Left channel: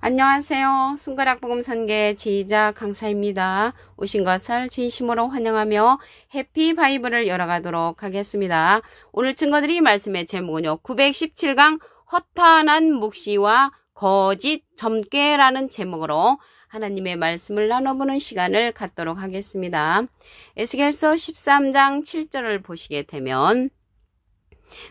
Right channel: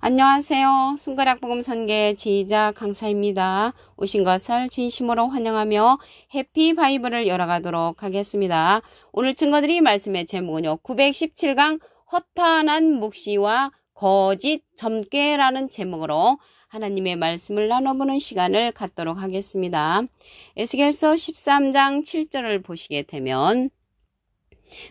안녕하세요. 손가락 복음 선계 지휘자 강사입니다. 오신 것을 진심으로 환영하며 해피 바이블을 열어가도록 하겠습니다. 오늘 증거드릴 말씀의 제목은요. 917강 허탄한 묵시와 거짓 점괘라는 제목으로 하나님의 말씀을 나눠보는 시간을 갖도록 하겠습니다. 에스겔서 13장 7절을 보시게 되면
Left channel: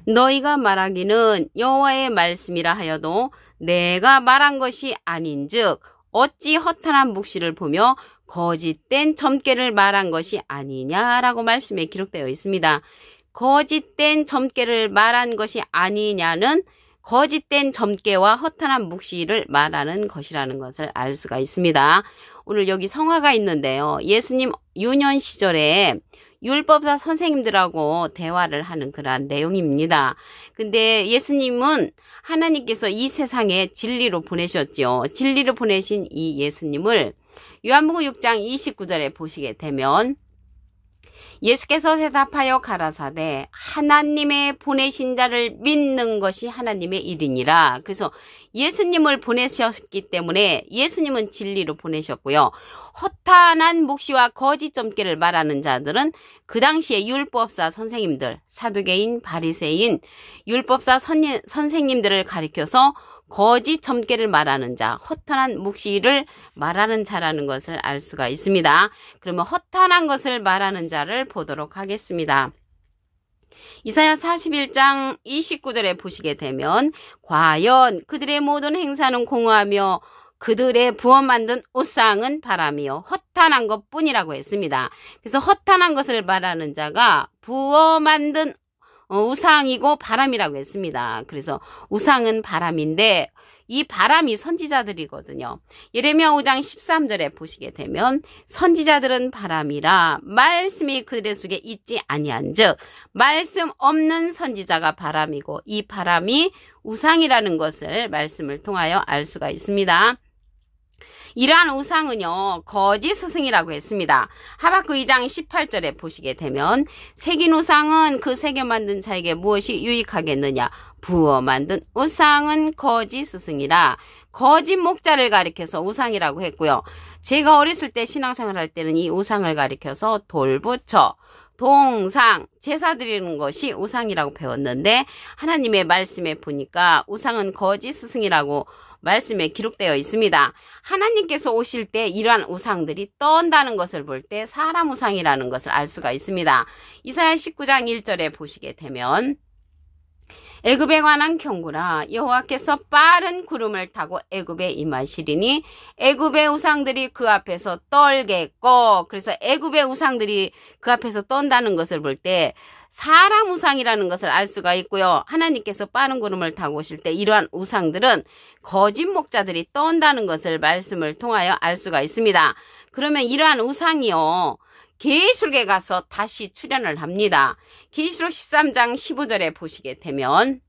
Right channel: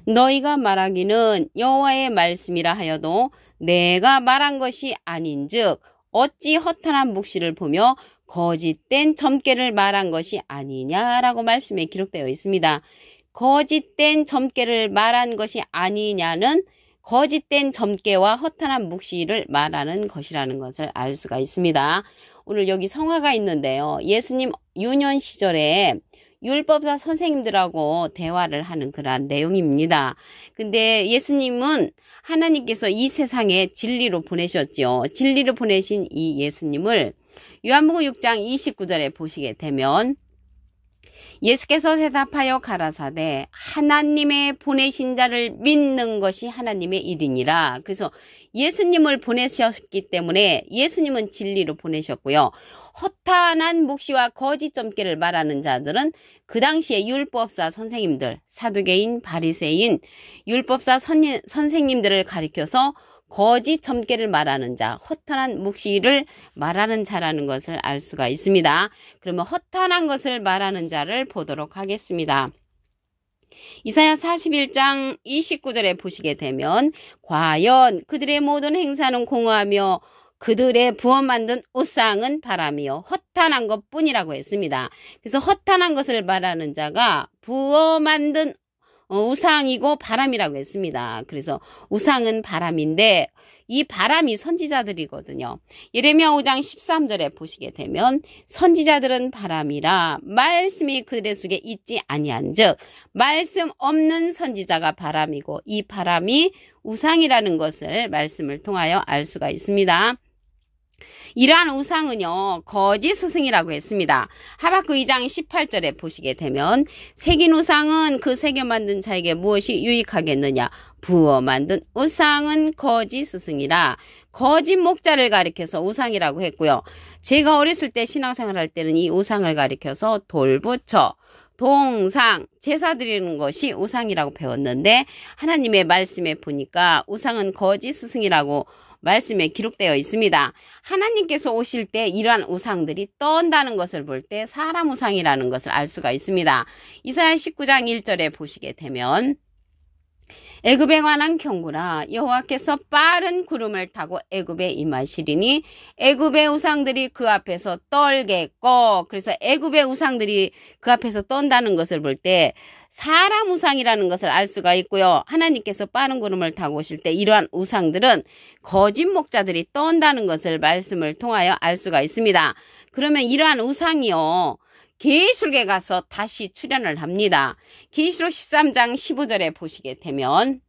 너희가 말하기는 여호와의 말씀이라 하여도 내가 말한 것이 아닌즉 어찌 허탄한 묵시를 보며 거짓된 점괘를 말한 것이 아니냐라고 말씀에 기록되어 있습니다. 거짓된 점괘를 말한 것이 아니냐는 거짓된 점괘와 허탄한 묵시를 말하는 것이라는 것을 알 수가 있습니다. 오늘 여기 성화가 있는데요. 예수님 유년 시절에 율법사 선생님들하고 대화를 하는 그러한 내용입니다. 근데 예수님은 하나님께서 이 세상에 진리로 보내셨죠. 진리로 보내신 이 예수님을 요한복음 6장 29절에 보시게 되면 예수께서 대답하여 가라사대 하나님의 보내신 자를 믿는 것이 하나님의 일이니라. 그래서 예수님을 보내셨기 때문에 예수님은 진리로 보내셨고요. 허탄한 묵시와 거짓 점괘를 말하는 자들은 그 당시에 율법사 선생님들, 사두개인, 바리새인, 율법사 선생님들을 가리켜서 거짓 점괘를 말하는 자, 허탄한 묵시를 말하는 자라는 것을 알 수가 있습니다. 그러면 허탄한 것을 말하는 자를 보도록 하겠습니다. 이사야 41장 29절에 보시게 되면 과연 그들의 모든 행사는 공허하며 그들의 부어 만든 우상은 바람이요 허탄한 것뿐이라고 했습니다. 그래서 허탄한 것을 말하는 자가 부어 만든 우상이고 바람이라고 했습니다. 그래서 우상은 바람인데 이 바람이 선지자들이거든요. 예레미야 5장 13절에 보시게 되면 선지자들은 바람이라 말씀이 그들의 속에 있지 아니한즉 말씀 없는 선지자가 바람이고 이 바람이 우상이라는 것을 말씀을 통하여 알 수가 있습니다. 이러한 우상은요 거짓 스승이라고 했습니다. 하박국 2장 18절에 보시게 되면 새긴 우상은 그 새겨 만든 자에게 무엇이 유익하겠느냐 부어 만든 우상은 거짓 스승이라 거짓 목자를 가리켜서 우상이라고 했고요. 제가 어렸을 때 신앙생활 할 때는 이 우상을 가리켜서 돌부처 동상, 제사 드리는 것이 우상이라고 배웠는데 하나님의 말씀에 보니까 우상은 거짓 스승이라고 말씀에 기록되어 있습니다. 하나님께서 오실 때 이러한 우상들이 떤다는 것을 볼 때 사람 우상이라는 것을 알 수가 있습니다. 이사야 19장 1절에 보시게 되면 애굽에 관한 경고라 여호와께서 빠른 구름을 타고 애굽에 임하시리니 애굽의 우상들이 그 앞에서 떨겠고 그래서 애굽의 우상들이 그 앞에서 떤다는 것을 볼 때 사람 우상이라는 것을 알 수가 있고요. 하나님께서 빠른 구름을 타고 오실 때 이러한 우상들은 거짓 목자들이 떤다는 것을 말씀을 통하여 알 수가 있습니다. 그러면 이러한 우상이요. 계시록에 가서 다시 출현을 합니다. 계시록 13장 15절에 보시게 되면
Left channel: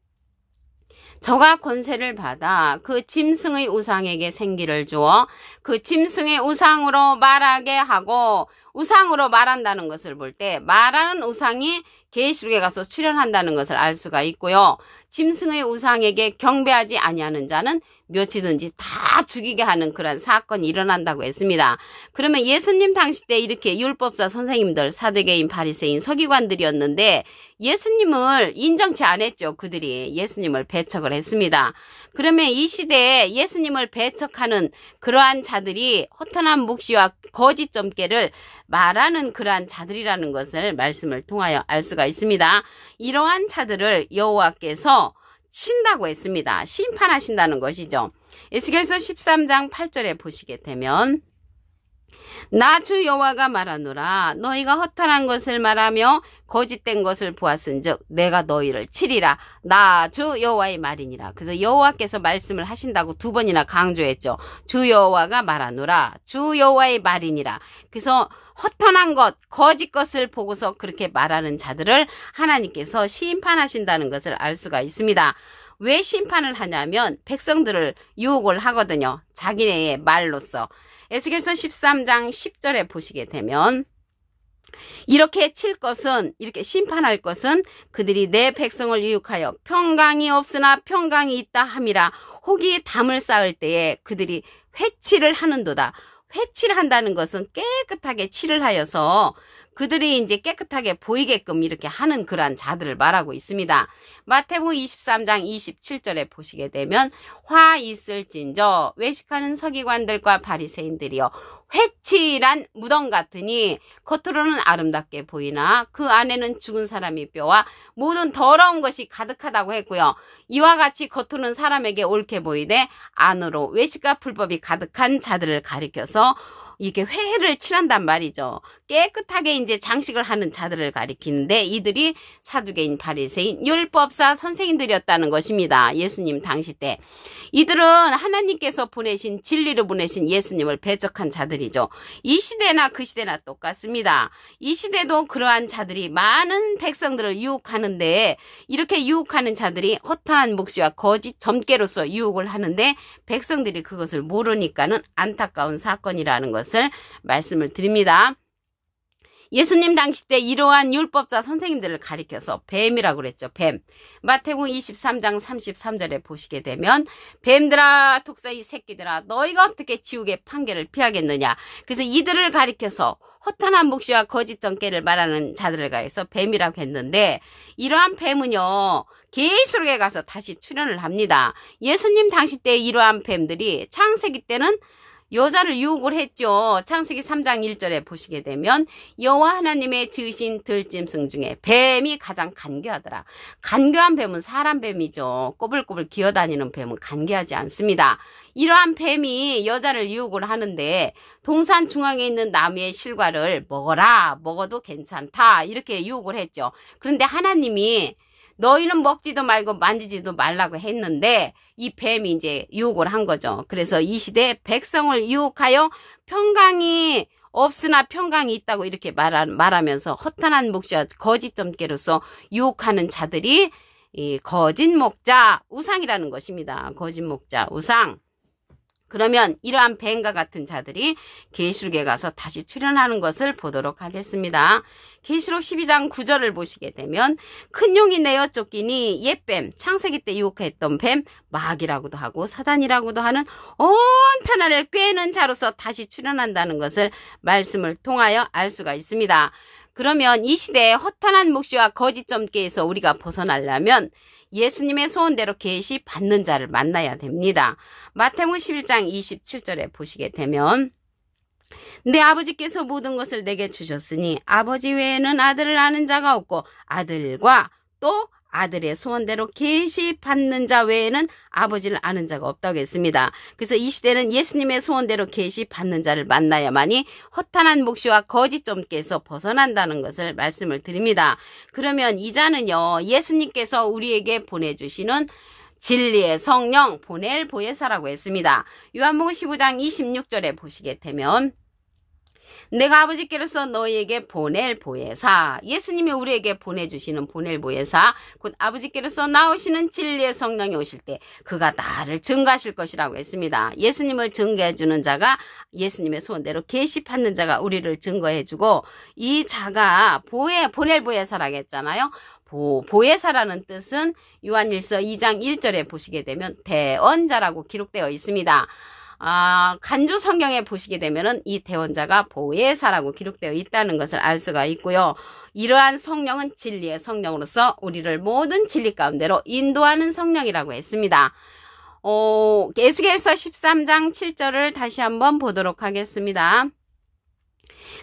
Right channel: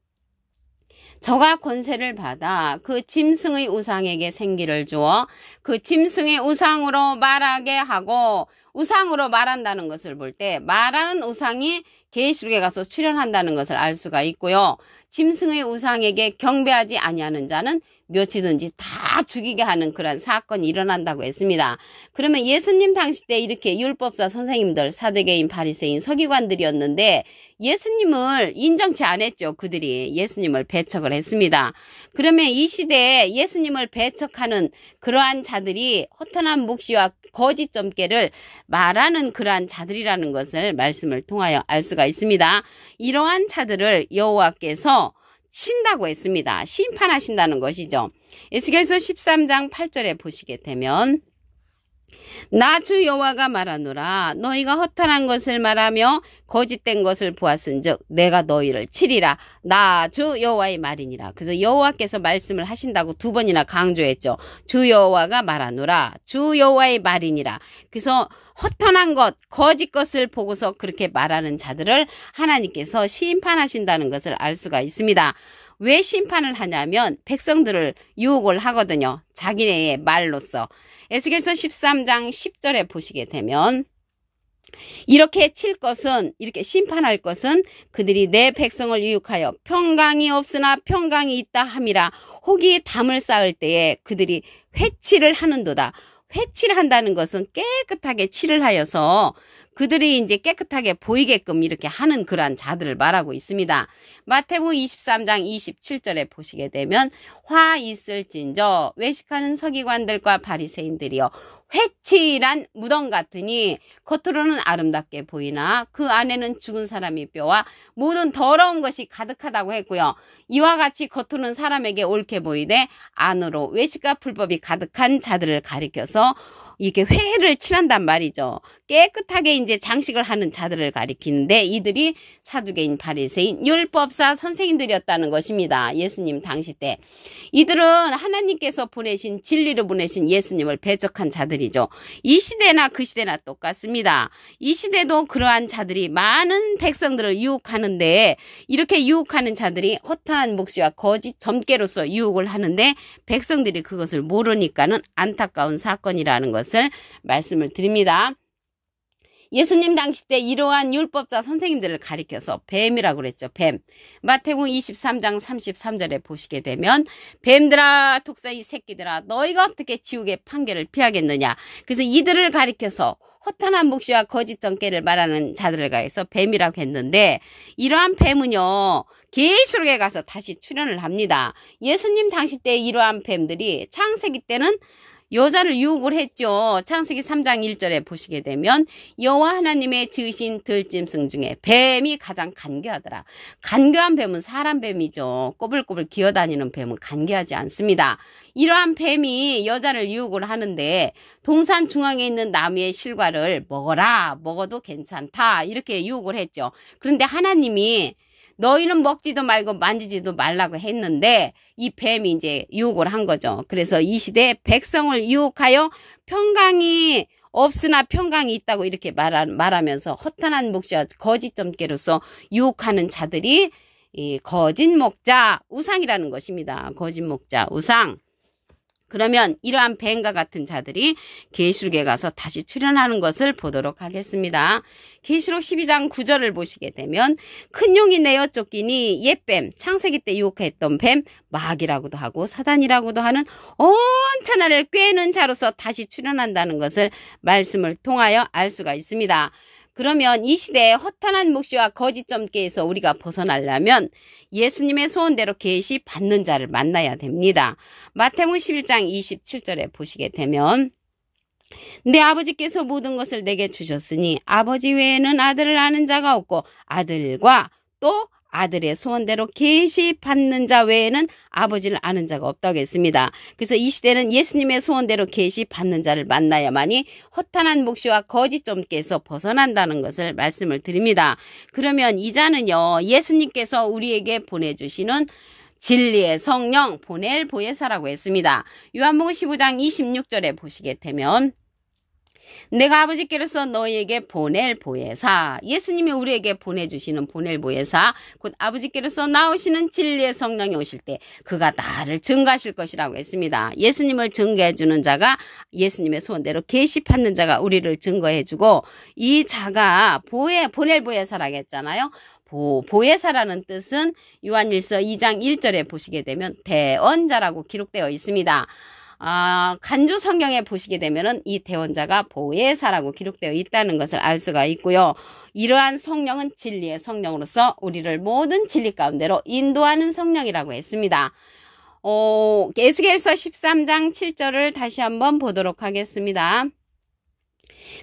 저가 권세를 받아 그 짐승의 우상에게 생기를 주어 그 짐승의 우상으로 말하게 하고 우상으로 말한다는 것을 볼 때 말하는 우상이 계시록에 가서 출현한다는 것을 알 수가 있고요. 짐승의 우상에게 경배하지 아니하는 자는 몇이든지 다 죽이게 하는 그런 사건이 일어난다고 했습니다. 그러면 예수님 당시 때 이렇게 율법사 선생님들, 사두개인, 바리새인, 서기관들이었는데 예수님을 인정치 않았죠. 그들이 예수님을 배척을 했습니다. 그러면 이 시대에 예수님을 배척하는 그러한 자들이 허탄한 묵시와 거짓 점괘를 말하는 그러한 자들이라는 것을 말씀을 통하여 알 수가 있습니다. 이러한 자들을 여호와께서 친다고 했습니다. 심판하신다는 것이죠. 에스겔서 13장 8절에 보시게 되면 나 주 여호와가 말하노라 너희가 허탄한 것을 말하며 거짓된 것을 보았은즉 내가 너희를 치리라 나 주 여호와의 말이니라. 그래서 여호와께서 말씀을 하신다고 두 번이나 강조했죠. 주 여호와가 말하노라 주 여호와의 말이니라. 그래서 허탄한 것, 거짓 것을 보고서 그렇게 말하는 자들을 하나님께서 심판하신다는 것을 알 수가 있습니다. 왜 심판을 하냐면 백성들을 유혹을 하거든요. 자기네의 말로써. 에스겔서 13장 10절에 보시게 되면 이렇게 칠 것은, 이렇게 심판할 것은 그들이 내 백성을 유혹하여 평강이 없으나 평강이 있다 함이라. 혹이 담을 쌓을 때에 그들이 회칠을 하는도다. 회칠을 한다는 것은 깨끗하게 칠을 하여서 그들이 이제 깨끗하게 보이게끔 이렇게 하는 그러한 자들을 말하고 있습니다. 마태복음 23장 27절에 보시게 되면 화 있을진저 외식하는 서기관들과 바리새인들이여 회칠한 무덤 같으니 겉으로는 아름답게 보이나 그 안에는 죽은 사람의 뼈와 모든 더러운 것이 가득하다고 했고요. 이와 같이 겉으로는 사람에게 옳게 보이되 안으로 외식과 불법이 가득한 자들을 가리켜서 이게 회를 칠한단 말이죠. 깨끗하게 이제 장식을 하는 자들을 가리키는데 이들이 사두개인, 바리새인, 율법사 선생님들이었다는 것입니다. 예수님 당시 때. 이들은 하나님께서 보내신, 진리로 보내신 예수님을 배척한 자들이죠. 이 시대나 그 시대나 똑같습니다. 이 시대도 그러한 자들이 많은 백성들을 유혹하는데 이렇게 유혹하는 자들이 허탄한 묵시와 거짓 점괘로서 유혹을 하는데 백성들이 그것을 모르니까는 안타까운 사건이라는 것을 말씀을 드립니다. 예수님 당시 때 이러한 율법자 선생님들을 가리켜서 뱀이라고 그랬죠. 뱀. 마태복음 23장 33절에 보시게 되면 뱀들아 독사의 새끼들아 너희가 어떻게 지옥의 판결을 피하겠느냐. 그래서 이들을 가리켜서 허탄한 묵시와 거짓 점괘를 말하는 자들을 가리켜서 뱀이라고 했는데 이러한 뱀은요. 계시록에 가서 다시 출현을 합니다. 예수님 당시 때 이러한 뱀들이 창세기 때는 여자를 유혹을 했죠. 창세기 3장 1절에 보시게 되면 여호와 하나님의 지으신 들짐승 중에 뱀이 가장 간교하더라. 간교한 뱀은 사람 뱀이죠. 꼬불꼬불 기어다니는 뱀은 간교하지 않습니다. 이러한 뱀이 여자를 유혹을 하는데 동산 중앙에 있는 나무의 실과를 먹어라. 먹어도 괜찮다. 이렇게 유혹을 했죠. 그런데 하나님이 너희는 먹지도 말고 만지지도 말라고 했는데 이 뱀이 이제 유혹을 한 거죠. 그래서 이 시대에 백성을 유혹하여 평강이 없으나 평강이 있다고 이렇게 말하면서 허탄한 묵시와 거짓 점괘로서 유혹하는 자들이 이 거짓 목자 우상이라는 것입니다. 거짓 목자 우상. 그러면 이러한 뱀과 같은 자들이 계시록에 가서 다시 출현하는 것을 보도록 하겠습니다. 계시록 12장 9절을 보시게 되면 큰 용이 내어 쫓기니 옛뱀, 창세기 때 유혹했던 뱀, 마귀라고도 하고 사단이라고도 하는 온천하를 꿰는 자로서 다시 출현한다는 것을 말씀을 통하여 알 수가 있습니다. 그러면 이 시대에 허탄한 묵시와 거짓 점괘에서 우리가 벗어나려면 예수님의 소원대로 계시 받는 자를 만나야 됩니다. 마태복음 11장 27절에 보시게 되면 내 아버지께서 모든 것을 내게 주셨으니 아버지 외에는 아들을 아는 자가 없고 아들과 또 아들의 소원대로 계시 받는 자 외에는 아버지를 아는 자가 없다고 했습니다. 그래서 이 시대는 예수님의 소원대로 계시 받는 자를 만나야만이 허탄한 묵시와 거짓 점괘에서 벗어난다는 것을 말씀을 드립니다. 그러면 이 자는요, 예수님께서 우리에게 보내주시는 진리의 성령 보낼 보혜사라고 했습니다. 요한복음 15장 26절에 보시게 되면 내가 아버지께로서 너희에게 보낼 보혜사, 예수님이 우리에게 보내주시는 보낼 보혜사, 곧 아버지께로서 나오시는 진리의 성령이 오실 때 그가 나를 증거하실 것이라고 했습니다. 예수님을 증거해주는 자가 예수님의 소원대로 계시 받는 자가 우리를 증거해주고 이 자가 보낼 보혜사라고 했잖아요. 보혜사라는 뜻은 요한일서 2장 1절에 보시게 되면 대언자라고 기록되어 있습니다. 간주 성경에 보시게 되면은 이 대언자가 보혜사라고 기록되어 있다는 것을 알 수가 있고요. 이러한 성령은 진리의 성령으로서 우리를 모든 진리 가운데로 인도하는 성령이라고 했습니다. 에스겔서 13장 7절을 다시 한번 보도록 하겠습니다.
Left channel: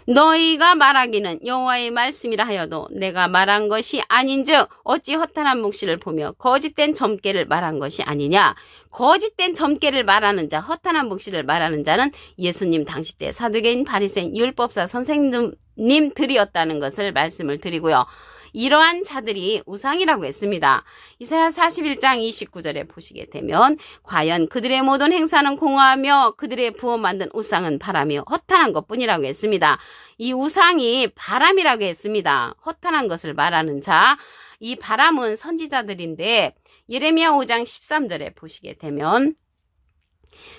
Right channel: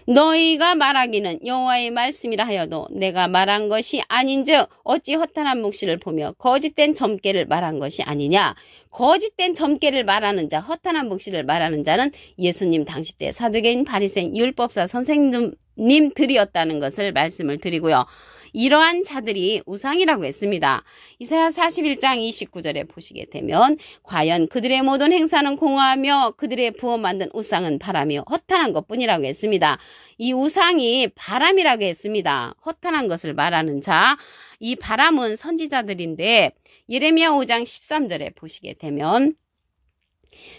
너희가 말하기는 여호와의 말씀이라 하여도 내가 말한 것이 아닌즉 어찌 허탄한 묵시를 보며 거짓된 점괘를 말한 것이 아니냐. 거짓된 점괘를 말하는 자, 허탄한 묵시를 말하는 자는 예수님 당시 때 사두개인, 바리새인, 율법사 선생님들이었다는 것을 말씀을 드리고요. 이러한 자들이 우상이라고 했습니다. 이사야 41장 29절에 보시게 되면 과연 그들의 모든 행사는 공허하며 그들의 부어 만든 우상은 바람이요 허탄한 것뿐이라고 했습니다. 이 우상이 바람이라고 했습니다. 허탄한 것을 말하는 자, 이 바람은 선지자들인데 예레미야 5장 13절에 보시게 되면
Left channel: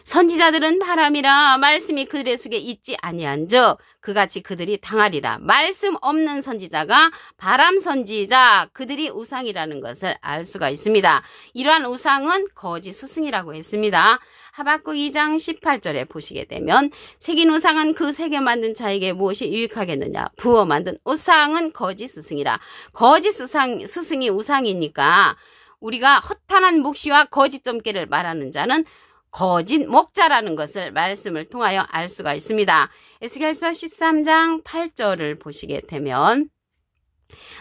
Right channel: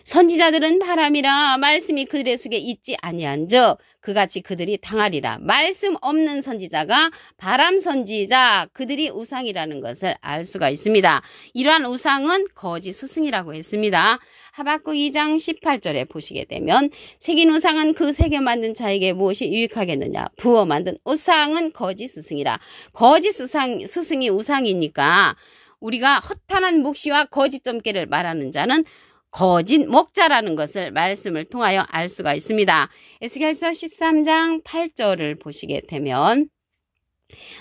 선지자들은 바람이라 말씀이 그들의 속에 있지 아니한즉 그같이 그들이 당하리라. 말씀 없는 선지자가 바람 선지자, 그들이 우상이라는 것을 알 수가 있습니다. 이러한 우상은 거짓 스승이라고 했습니다. 하박국 2장 18절에 보시게 되면 새긴 우상은 그 새겨 만든 자에게 무엇이 유익하겠느냐. 부어 만든 우상은 거짓 스승이라. 거짓 스승이 우상이니까 우리가 허탄한 묵시와 거짓 점괘를 말하는 자는 거짓 목자라는 것을 말씀을 통하여 알 수가 있습니다. 에스겔서 13장 8절을 보시게 되면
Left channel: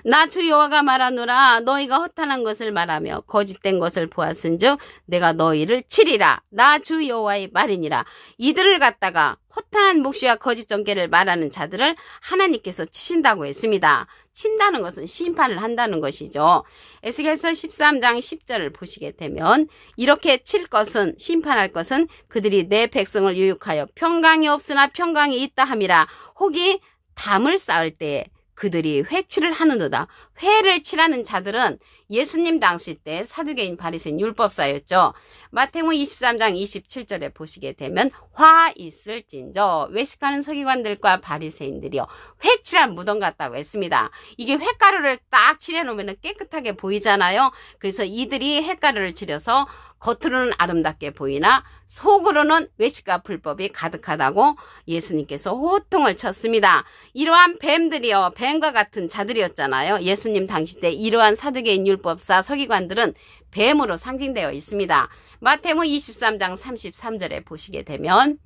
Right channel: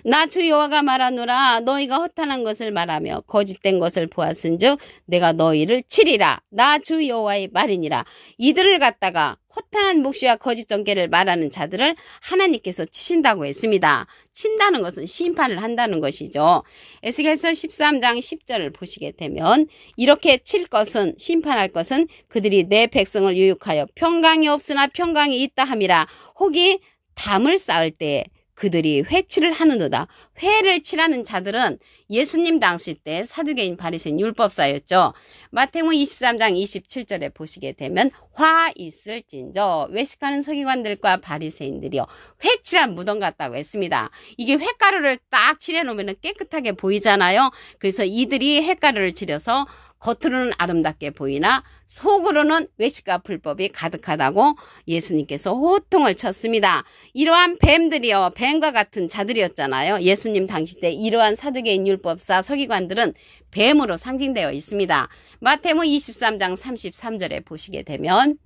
나 주 여호와가 말하노라 너희가 허탄한 것을 말하며 거짓된 것을 보았은즉 내가 너희를 치리라. 나 주 여호와의 말이니라. 이들을 갖다가 허탄한 묵시와 거짓 점괘를 말하는 자들을 하나님께서 치신다고 했습니다. 친다는 것은 심판을 한다는 것이죠. 에스겔서 13장 10절을 보시게 되면 이렇게 칠 것은 심판할 것은 그들이 내 백성을 유혹하여 평강이 없으나 평강이 있다 함이라. 혹이 담을 쌓을 때 그들이 회치를 하는도다. 회를 칠하는 자들은 예수님 당시 때 사두개인 바리새인 율법사였죠. 마태복음 23장 27절에 보시게 되면 화 있을진저 외식하는 서기관들과 바리새인들이요 회칠한 무덤 같다고 했습니다. 이게 회가루를 딱 칠해놓으면 깨끗하게 보이잖아요. 그래서 이들이 회가루를 칠해서 겉으로는 아름답게 보이나 속으로는 외식과 불법이 가득하다고 예수님께서 호통을 쳤습니다. 이러한 뱀들이요 뱀과 같은 자들이었잖아요. 예수님 당시 때 이러한 사두개인 율법사 서기관들은 뱀으로 상징되어 있습니다. 마태복음 23장 33절에 보시게 되면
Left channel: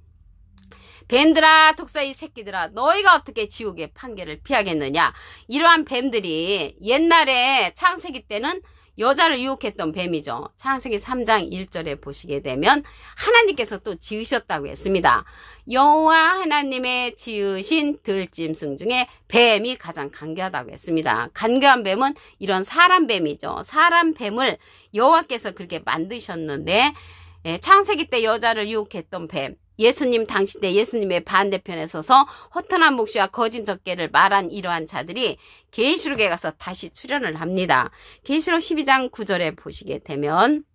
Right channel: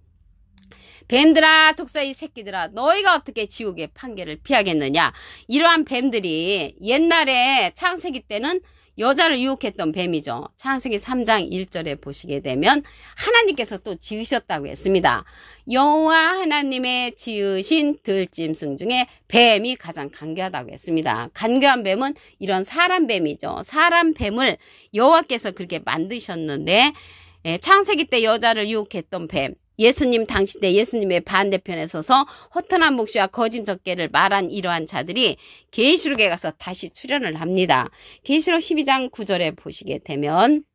뱀들아 독사의 새끼들아 너희가 어떻게 지옥의 판결을 피하겠느냐. 이러한 뱀들이 옛날에 창세기 때는 여자를 유혹했던 뱀이죠. 창세기 3장 1절에 보시게 되면 하나님께서 또 지으셨다고 했습니다. 여호와 하나님의 지으신 들짐승 중에 뱀이 가장 간교하다고 했습니다. 간교한 뱀은 이런 사람 뱀이죠. 사람 뱀을 여호와께서 그렇게 만드셨는데 창세기 때 여자를 유혹했던 뱀, 예수님 당시 때 예수님의 반대편에 서서 허탄한 묵시와 거짓 점괘를 말한 이러한 자들이 계시록에 가서 다시 출현을 합니다. 계시록 12장 9절에 보시게 되면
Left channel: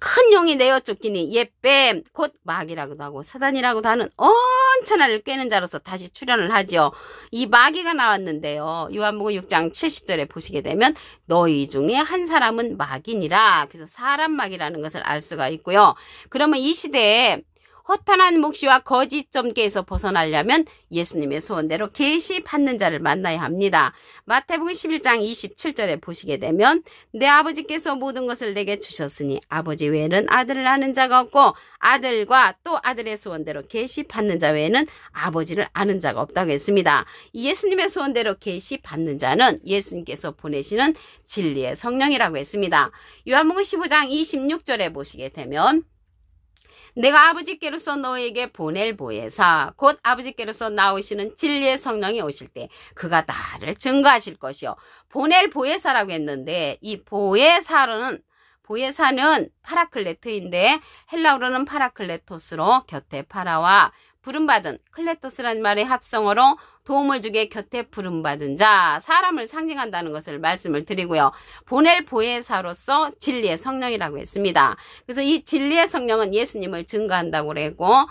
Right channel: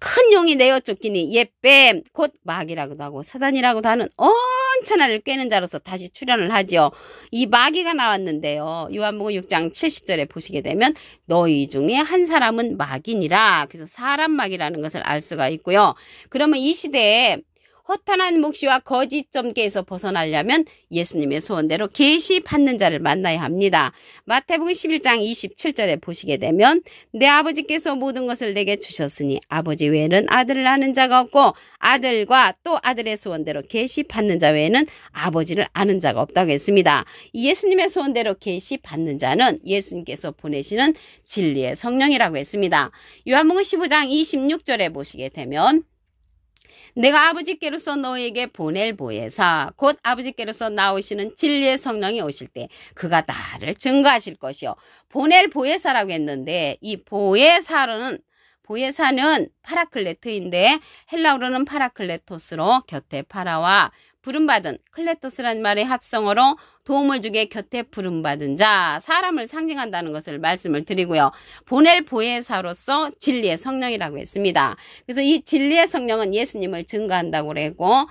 큰 용이 내어 쫓기니 옛뱀 곧 마귀라고도 하고 사단이라고도 하는 온천하를 꿰는 자로서 다시 출현을 하지요. 이 마귀가 나왔는데요. 요한복음 6장 70절에 보시게 되면 너희 중에 한 사람은 마귀니라. 그래서 사람 마귀라는 것을 알 수가 있고요. 그러면 이 시대에 허탄한 묵시와 거짓 점괘에서 벗어나려면 예수님의 소원대로 계시 받는 자를 만나야 합니다. 마태복음 11장 27절에 보시게 되면 내 아버지께서 모든 것을 내게 주셨으니 아버지 외에는 아들을 아는 자가 없고 아들과 또 아들의 소원대로 계시 받는 자 외에는 아버지를 아는 자가 없다고 했습니다. 예수님의 소원대로 계시 받는 자는 예수님께서 보내시는 진리의 성령이라고 했습니다. 요한복음 15장 26절에 보시게 되면 내가 아버지께로서 너에게 보낼 보혜사 곧 아버지께로서 나오시는 진리의 성령이 오실 때 그가 나를 증거하실 것이요. 보낼 보혜사라고 했는데 이 보혜사는 파라클레트인데 헬라어로는 파라클레토스로 곁에 파라와 부름받은 클레토스라는 말의 합성어로 도움을 주게 곁에 부름받은 자, 사람을 상징한다는 것을 말씀을 드리고요. 보낼 보혜사로서 진리의 성령이라고 했습니다. 그래서 이 진리의 성령은 예수님을 증거한다고 그랬고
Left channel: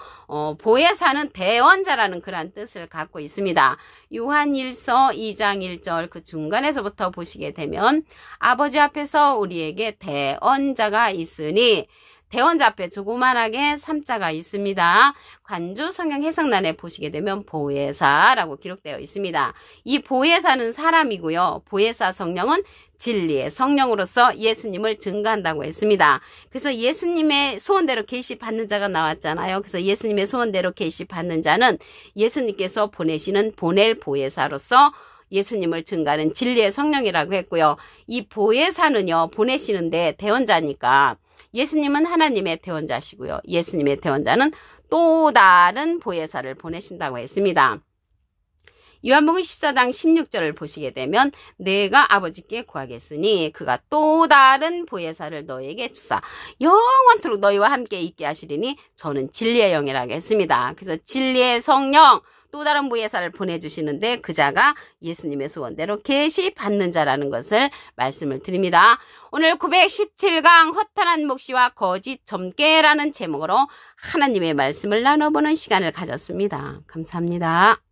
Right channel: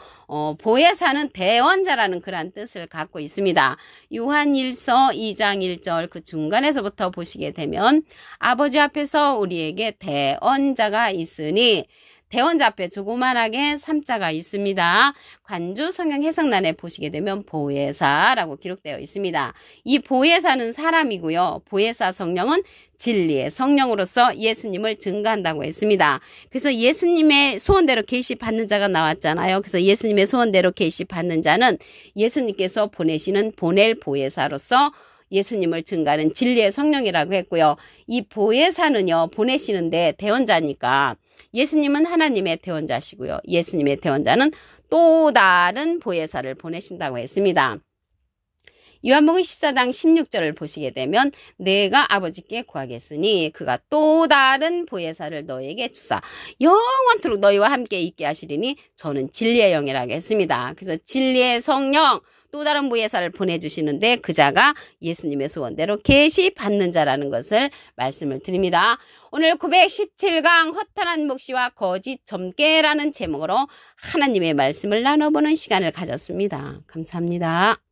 보혜사는 대언자라는 그런 뜻을 갖고 있습니다. 요한 1서 2장 1절 그 중간에서부터 보시게 되면 아버지 앞에서 우리에게 대언자가 있으니 대언자 앞에 조그만하게 3자가 있습니다. 관주 성경 해석란에 보시게 되면 보혜사라고 기록되어 있습니다. 이 보혜사는 사람이고요. 보혜사 성령은 진리의 성령으로서 예수님을 증거한다고 했습니다. 그래서 예수님의 소원대로 계시 받는 자가 나왔잖아요. 그래서 예수님의 소원대로 계시 받는 자는 예수님께서 보내시는 보낼 보혜사로서 예수님을 증거하는 진리의 성령이라고 했고요. 이 보혜사는요. 보내시는데 대언자니까 예수님은 하나님의 대언자시고요. 예수님의 대언자는 또 다른 보혜사를 보내신다고 했습니다. 요한복음 14장 16절을 보시게 되면 내가 아버지께 구하겠으니 그가 또 다른 보혜사를 너에게 주사 영원토록 너희와 함께 있게 하시리니 저는 진리의 영이라고 했습니다. 그래서 진리의 성령 또 다른 보혜사를 보내주시는데 그 자가 예수님의 소원대로 계시 받는 자라는 것을 말씀을 드립니다. 오늘 917강 허탄한 묵시와 거짓 점괘라는 제목으로 하나님의 말씀을 나눠보는 시간을 가졌습니다. 감사합니다.